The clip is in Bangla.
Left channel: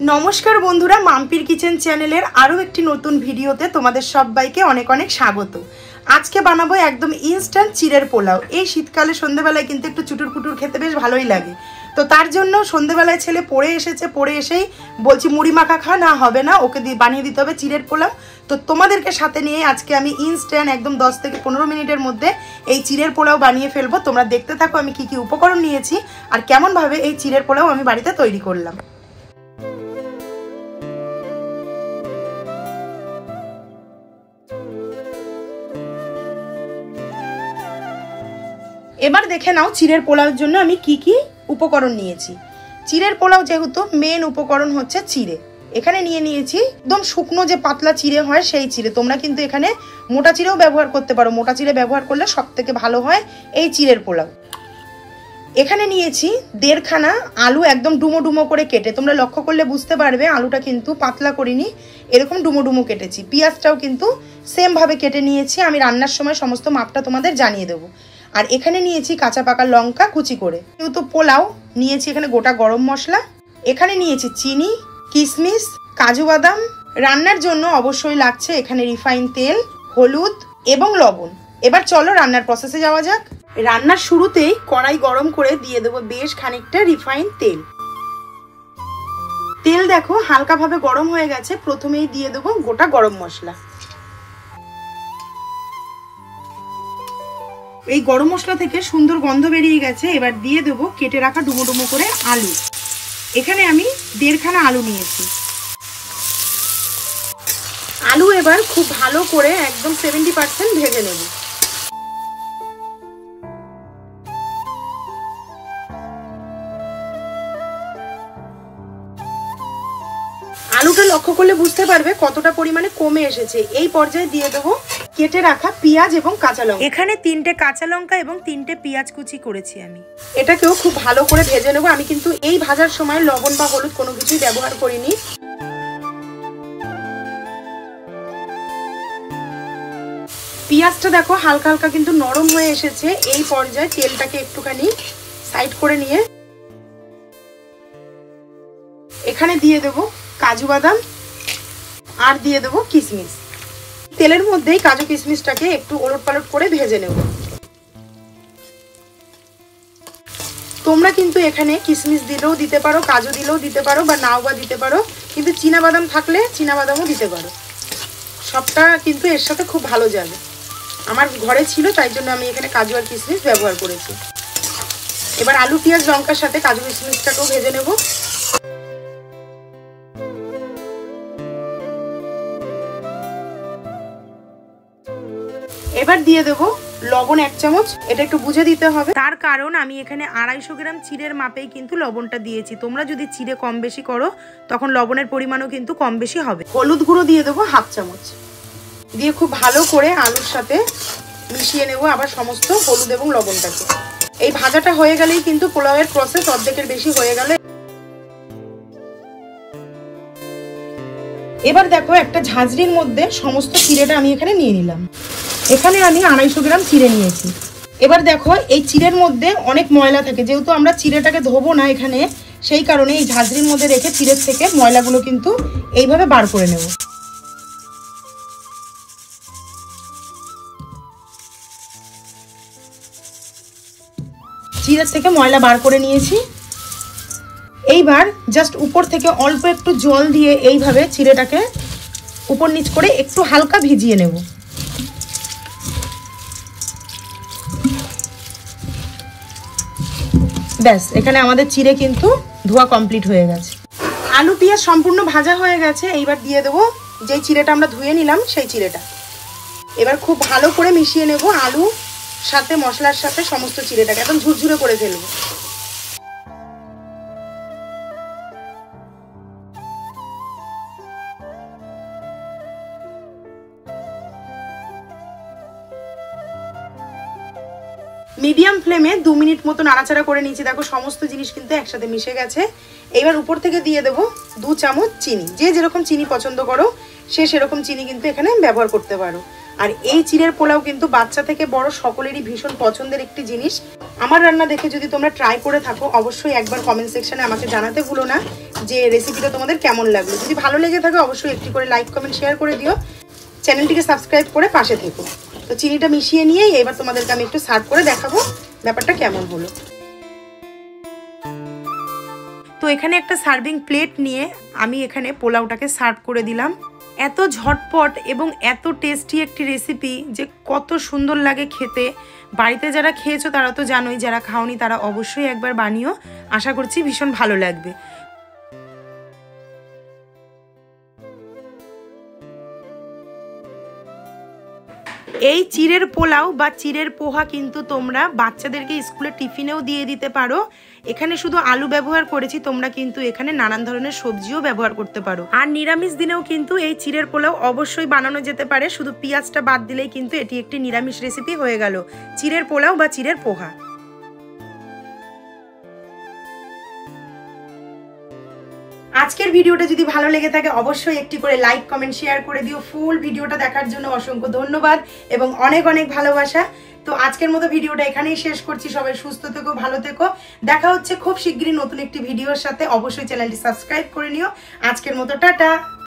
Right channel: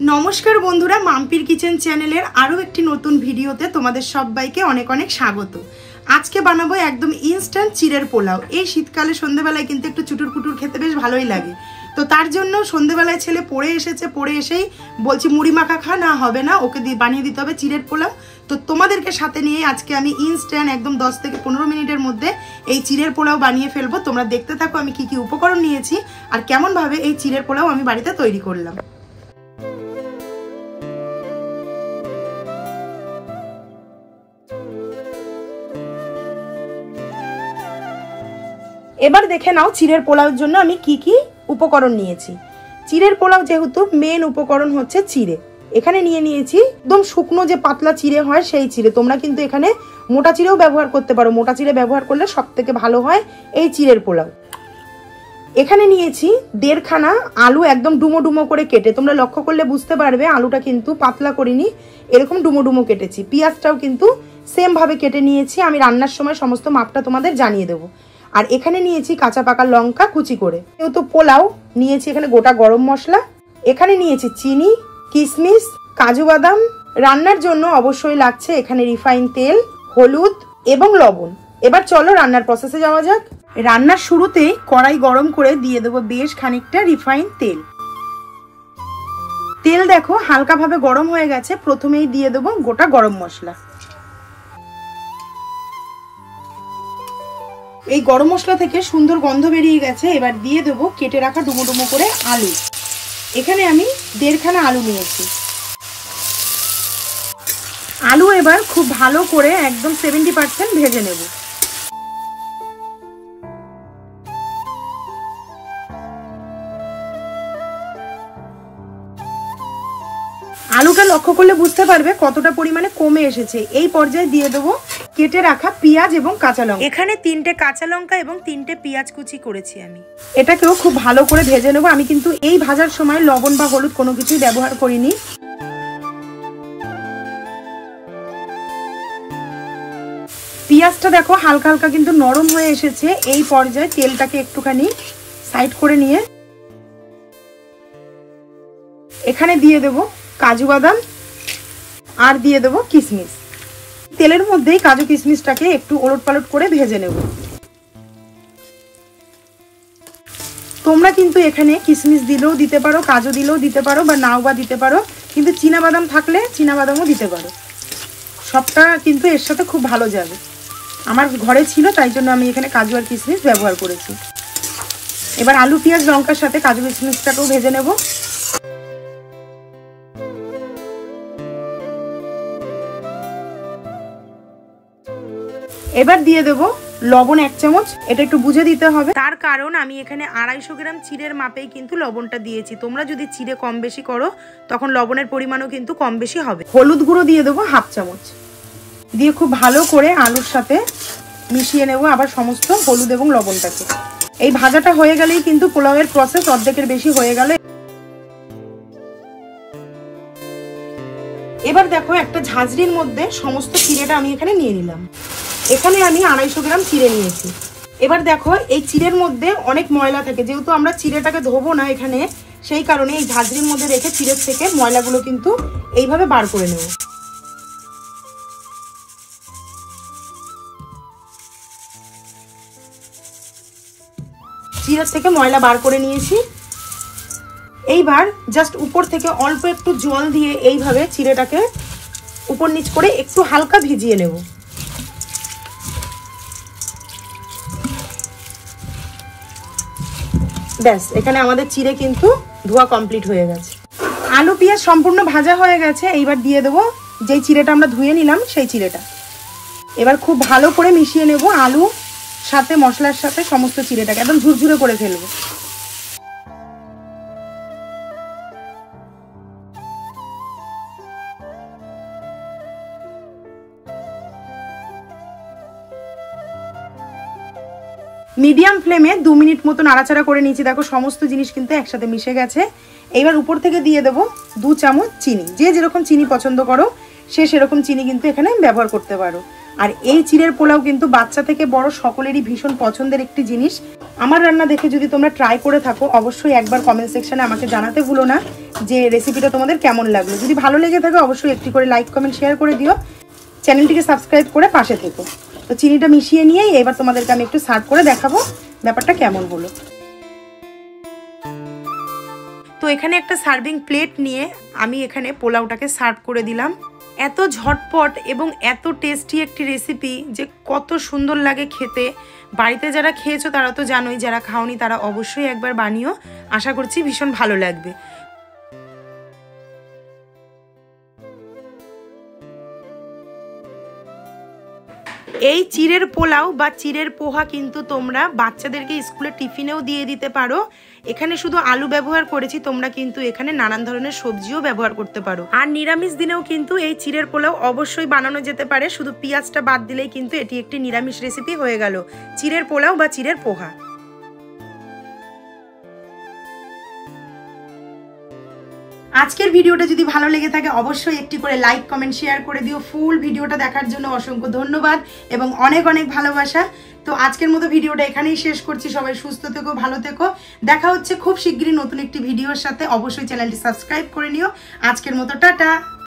নমস্কার বন্ধুরা, মাম্পির কিচেন চ্যানেলের আরো একটি নতুন ভিডিওতে তোমাদের সবাইকে অনেক অনেক স্বাগত। আজকে বানাবো একদম ইনস্ট্যান্ট চিড়ের পোলাও। এই শীতকালে সন্ধ্যাবেলায় কিন্তু একটু চুটুর পুটুর খেতে বেশ ভালোই লাগে। তো তার জন্য সন্ধ্যাবেলায় ছেলে পড়ে এসেছে, পড়ে এসেই বলছি মুড়ি মাখা খা, না হবে না, ওকে বানিয়ে দিতে হবে চিড়ের পোলাও। তো তোমাদেরকে সাথে নিয়ে আজকে আমি ইনস্ট্যান্ট একদম 10 থেকে 15 মিনিটের মধ্যে এই চিড়ের পোলাও বানিয়ে ফেলবো। তোমরা দেখতে থাকো আমি কি কি উপকরণ নিয়েছি আর কেমন ভাবে এই চিড়ের পোলাও আমি বাড়িতে তৈরি করলাম। এবার দেখে নাও চিড়ের পোলাওর জন্য আমি কি কি উপকরণ নিয়েছি। চিড়ের পোলাও যেহেতু মেন উপকরণ হচ্ছে চিড়ে, এখানে নিয়ে নিয়েছি একদম শুকনো যে পাতলা চিড়ে হয় সেই চিড়ে। তোমরা কিন্তু এখানে মোটা চিড়েও ব্যবহার করতে পারো, মোটা চিড়ে ব্যবহার করলে সব থেকে ভালো হয় এই চিড়ের পোলাও। এখানে নিয়েছি 1.5 খানা আলু, একদম ডুমো ডুমো করে কেটে। তোমরা লক্ষ্য করলে বুঝতে পারবে আলুটা কিন্তু পাতলা করিনি, এরকম ডুমো ডুমো কেটেছি। পেঁয়াজটাও কিন্তু সেম ভাবে কেটে নিয়েছি, আমি রান্নার সময় সমস্ত মাপটা তোমাদের জানিয়ে দেবো। আর এখানে নিয়েছি কাঁচা পাকা লঙ্কা কুচি করে। যেহেতু পোলাও নিয়েছি এখানে গোটা গরম মশলা, এখানে নিয়েছি চিনি, কিশমিশ, কাজু বাদাম। রান্নার জন্য অবশ্যই লাগছে এখানে রিফাইন তেল, হলুদ এবং লবণ। এবার চলো রান্নার প্রসেসে যাওয়া যাক। রান্নার শুরুতেই কড়াই গরম করে দিয়ে দেবো বেশ খানিকটা রিফাইন তেল। তেল দেখো হালকা ভাবে গরম হয়ে গেছে, প্রথমেই দিয়ে দেবো গোটা গরম মশলা। এই গরম মশলা থেকে সুন্দর গন্ধ বেরিয়ে গেছে, এবার দিয়ে দেবো কেটে রাখা ডুমো ডুমো করে আলু। এখানে আমি 1.5 খানা আলু নিয়েছি। আলু এবার খুব ভালো করে একদম 70% ভেজে নেব। আলুটা লক্ষ্য করলে বুঝতে পারবে কতটা পরিমাণে কমে এসেছে। এই পর্যায়ে দিয়ে দেবো কেটে রাখা পেঁয়াজ এবং কাঁচা লঙ্কা। এখানে 3টে কাঁচা লঙ্কা এবং 3টে পেঁয়াজ কুচি করেছি আমি। এটাকেও খুব ভালো করে ভেজে নেবো। আমি কিন্তু এই ভাজার সময় লবণ বা হলুদ কোনো কিছুই ব্যবহার করিনি। পেঁয়াজটা দেখো হালকা হালকা কিন্তু নরম হয়ে এসেছে। এই পর্যায়ে তেলটাকে একটুখানি সাইড করে নিয়ে এখানে দিয়ে দেবো কাজু বাদাম আর দিয়ে দেবো কিশমিশ। তেলের মধ্যেই কাজু কিশমিশটাকে একটু ওলট পালট করে ভেজে নেব। তোমরা কিন্তু এখানে কিশমিশ দিলেও দিতে পারো, কাজু দিলেও দিতে পারো, বা নাও বা দিতে পারো, কিন্তু চীনা বাদাম থাকলে চীনা বাদামও দিতে পারো। সবটা কিন্তু এর সাথে খুব ভালো যাবে। আমার ঘরে ছিল তাই জন্য আমি এখানে কাজু আর কিশমিশ ব্যবহার করেছি। এবার আলু পেঁয়াজ লঙ্কার সাথে কাজু কিশমিশটাকেও ভেজে নেব। এবার দিয়ে দেবো লবণ 1 চামচ। এটা একটু বুঝে দিতে হবে, তার কারণ আমি এখানে 250 গ্রাম চিড়ের মাপেই কিন্তু লবণটা দিয়েছি। তোমরা যদি চিড়ে কম বেশি করো তখন লবণের পরিমাণও কিন্তু কম বেশি হবে। হলুদ গুঁড়ো দিয়ে দেবো 1/2 চামচ। দিয়ে খুব ভালো করে আলুর সাথে মিশিয়ে নেব আবার সমস্ত হলুদ এবং লবণটাকে। এই ভাজাটা হয়ে গেলেই কিন্তু পোলাওয়ের প্রসেস অর্ধেকের বেশি হয়ে গেল। এবার দেখো একটা ঝাঁঝরির মধ্যে সমস্ত চিড়েটা আমি এখানে নিয়ে নিলাম। এখানে আমি 250 গ্রাম চিড়ে নিয়েছি। এবার দেখো এই চিড়ের মধ্যে অনেক ময়লা থাকে, যেহেতু আমরা চিড়েটাকে ধোবো না এখানে, সেই কারণে এই ঝাঁঝরির মধ্যে রেখে চিড়ের থেকে ময়লাগুলো কিন্তু এইভাবে বার করে নেব। চিড়ের থেকে ময়লা বার করে নিয়েছি। এইবার জাস্ট উপর থেকে অল্প একটু জল দিয়ে এইভাবে চিড়েটাকে উপর নিচ করে একটু হালকা ভিজিয়ে নেব। ব্যাস, এখানে আমাদের চিড়ে কিন্তু ধোয়া কমপ্লিট হয়ে গেছে। আলু পেঁয়াজ সম্পূর্ণ ভাজা হয়ে গেছে। এইবার দিয়ে দেবো যেই চিড়েটা আমরা ধুয়ে নিলাম সেই চিড়েটা। এবার খুব ভালো করে মিশিয়ে নেব আলু সাথে মশলার সাথে সমস্ত চিড়েটাকে একদম ঝুরঝুরে করে ফেলবো। মিডিয়াম ফ্লেমে 2 মিনিট মতো নাড়াচাড়া করে নিয়েছি। দেখো সমস্ত জিনিস কিন্তু একসাথে মিশে গেছে। এবার উপর থেকে দিয়ে দেবো 2 চামচ চিনি। যে যেরকম চিনি পছন্দ করো সে সেরকম চিনি কিন্তু এখানে ব্যবহার করতে পারো। আর এই চিড়ের পোলাও কিন্তু বাচ্চা থেকে বড় সকলেরই ভীষণ পছন্দের একটি জিনিস। আমার রান্না দেখে যদি তোমরা ট্রাই করে থাকো অবশ্যই একবার কমেন্ট সেকশনে আমাকে জানাতে ভুলো না যে রেসিপিটা তোমাদের কেমন লাগলো। যদি ভালো লেগে থাকে অবশ্যই একটি করে লাইক কমেন্ট শেয়ার করে দিও, চ্যানেলটিকে সাবস্ক্রাইব করে পাশে থেকো। তো চিনিটা মিশিয়ে নিয়ে এবার তোমাদেরকে আমি একটু সার্ভ করে দেখাবো ব্যাপারটা কেমন হলো। তো এখানে একটা সার্ভিং প্লেট নিয়ে আমি এখানে পোলাওটাকে সার্ভ করে দিলাম। এত ঝটপট এবং এত টেস্টি একটি রেসিপি যে কত সুন্দর লাগে খেতে। বাড়িতে যারা খেয়েছো তারা তো জানোই, যারা খাওনি তারা অবশ্যই একবার বানিও, আশা করছি ভীষণ ভালো লাগবে। এই চিড়ের পোলাও বা চিড়ের পোহা কিন্তু তোমরা বাচ্চাদেরকে স্কুলে টিফিনেও দিয়ে দিতে পারো। এখানে শুধু আলু ব্যবহার করেছি, তোমরা কিন্তু এখানে নানান ধরনের সবজিও ব্যবহার করতে পারো। আর নিরামিষ দিনেও কিন্তু এই চিড়ের পোলাও অবশ্যই বানানো যেতে পারে, শুধু পেঁয়াজটা বাদ দিলেই কিন্তু এটি একটি নিরামিষ রেসিপি হয়ে গেল, চিড়ের পোলাও বা চিড়ের পোহা। আজকের ভিডিওটা যদি ভালো লেগে থাকে অবশ্যই একটি করে লাইক কমেন্ট শেয়ার করে দিও। ফুল ভিডিওটা দেখার জন্য অসংখ্য ধন্যবাদ এবং অনেক অনেক ভালোবাসা। তো আজকের মতো ভিডিওটা এখানেই শেষ করছি। সবাই সুস্থ থেকো, ভালো থেকো। দেখা হচ্ছে খুব শীঘ্রই নতুন একটি ভিডিওর সাথে। অবশ্যই চ্যানেলটি সাবস্ক্রাইব করে নিও। আজকের মতো টাটা।